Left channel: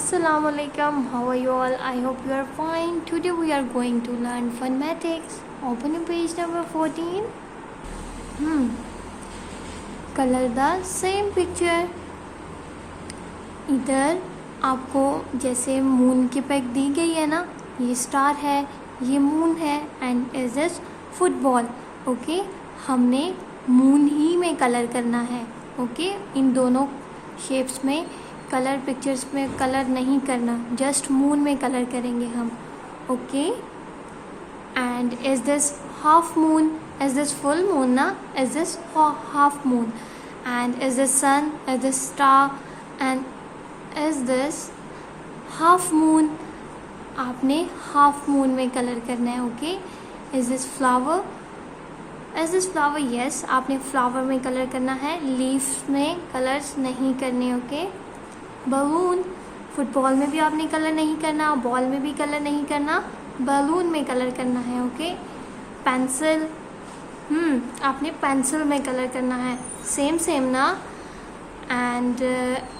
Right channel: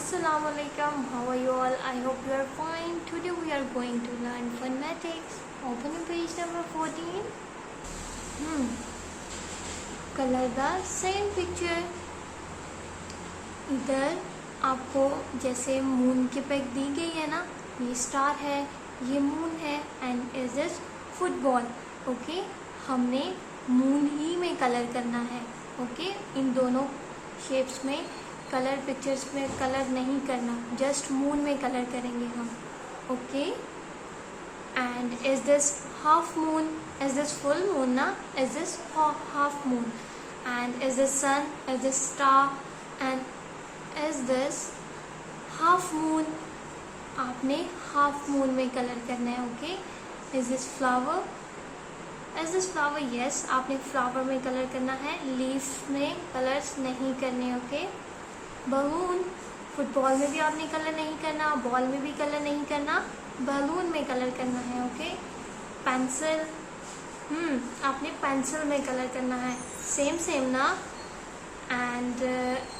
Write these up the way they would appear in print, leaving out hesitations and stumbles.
Assalamualaikum. How are you all? I hope you are fine. Today we are going to learn phonetics. Open page number 14. Color the same picture. इधर आपको जैसे moon की pick दी गई है ना, ये star है, ये मून है and is this football. Okay, हमने मून ही में कलर करना है. ओके, इन दोनों शेप्स में कलर, पिक्चर्स में कलर नहीं करना, जस्ट मून में कलर करेंगे हम. Okay, and is this half moon, is this full moon ना, is this half moon, and is this sun, is this star, and is this half moon. आपने half moon में colour करना है. Okay, is this flower, is this flower, yes, आपने flower में colour करना है, leaf में कलर्स नहीं करने. ओके, बलून, फुटबॉल में भी आपने कलर नहीं करना, बॉल में भी कलर नहीं करना, बलून में कलर करना है. ओके, पेंसिल, आपने पेंसिल में कलर करना है, सेम ना. एंड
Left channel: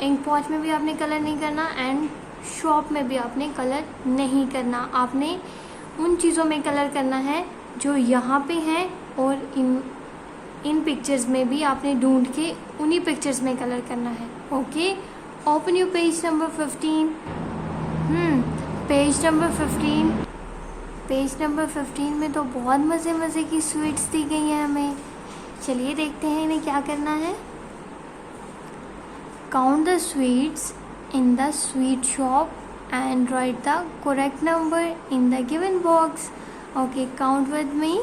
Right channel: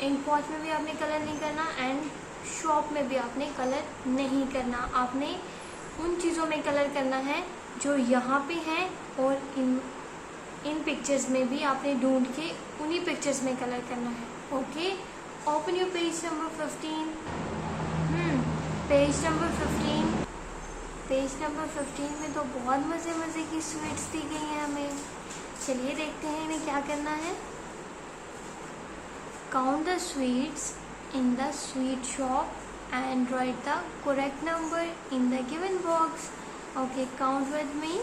इंक पॉट में भी आपने कलर नहीं करना, एंड शॉप में भी आपने कलर नहीं करना. आपने उन चीज़ों में कलर करना है जो यहाँ पे हैं, और इन पिक्चर्स में भी आपने ढूंढ के उन्हीं पिक्चर्स में कलर करना है. Okay, open you page number 15. Page number 15. Page number 15 में तो बहुत मज़े की स्वीट्स दी गई हैं हमें. चलिए देखते हैं इन्हें क्या करना है. Count the sweets in the sweet shop and right the correct number in the given box. Okay, count with me.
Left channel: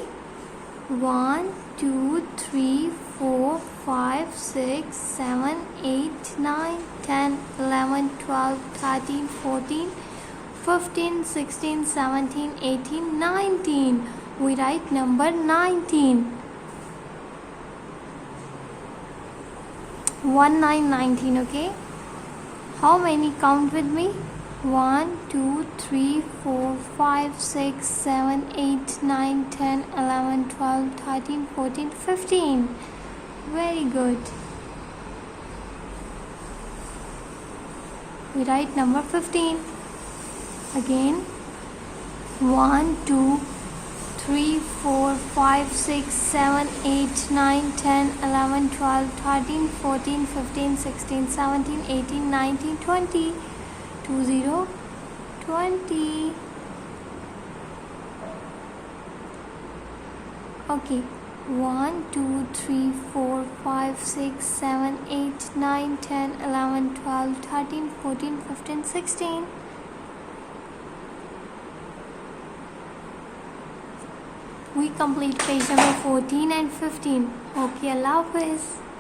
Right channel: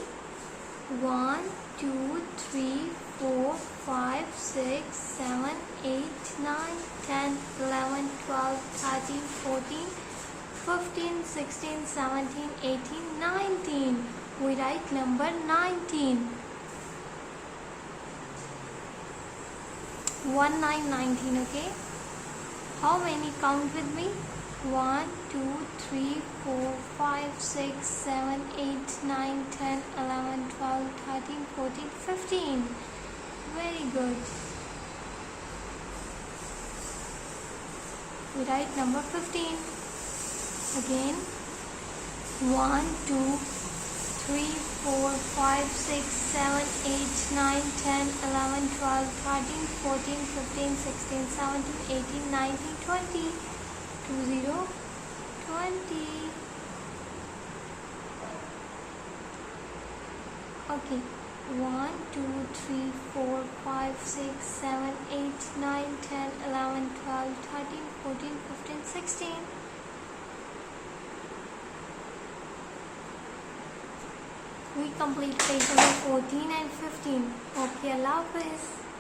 1 2 3 4 5 6 7 8 9 10 11 12 13 14 15 16 17 18 19. We write number 19. 19. Okay, how many? Count with me. 1 2 3 4 5 6 7 8 9 10 11 12 13 14 15. Very good. We write number 15. Again, 1 2 3 4 5 6 7 8 9 10 11 12 13 14 15 16 17 18 19 20. 20 20. Okay, 1 2 3 4 5 6 7 8 9 10 11 12 13 14 15 16. We complete page number 14 and 15. Okay, Allah Hafiz.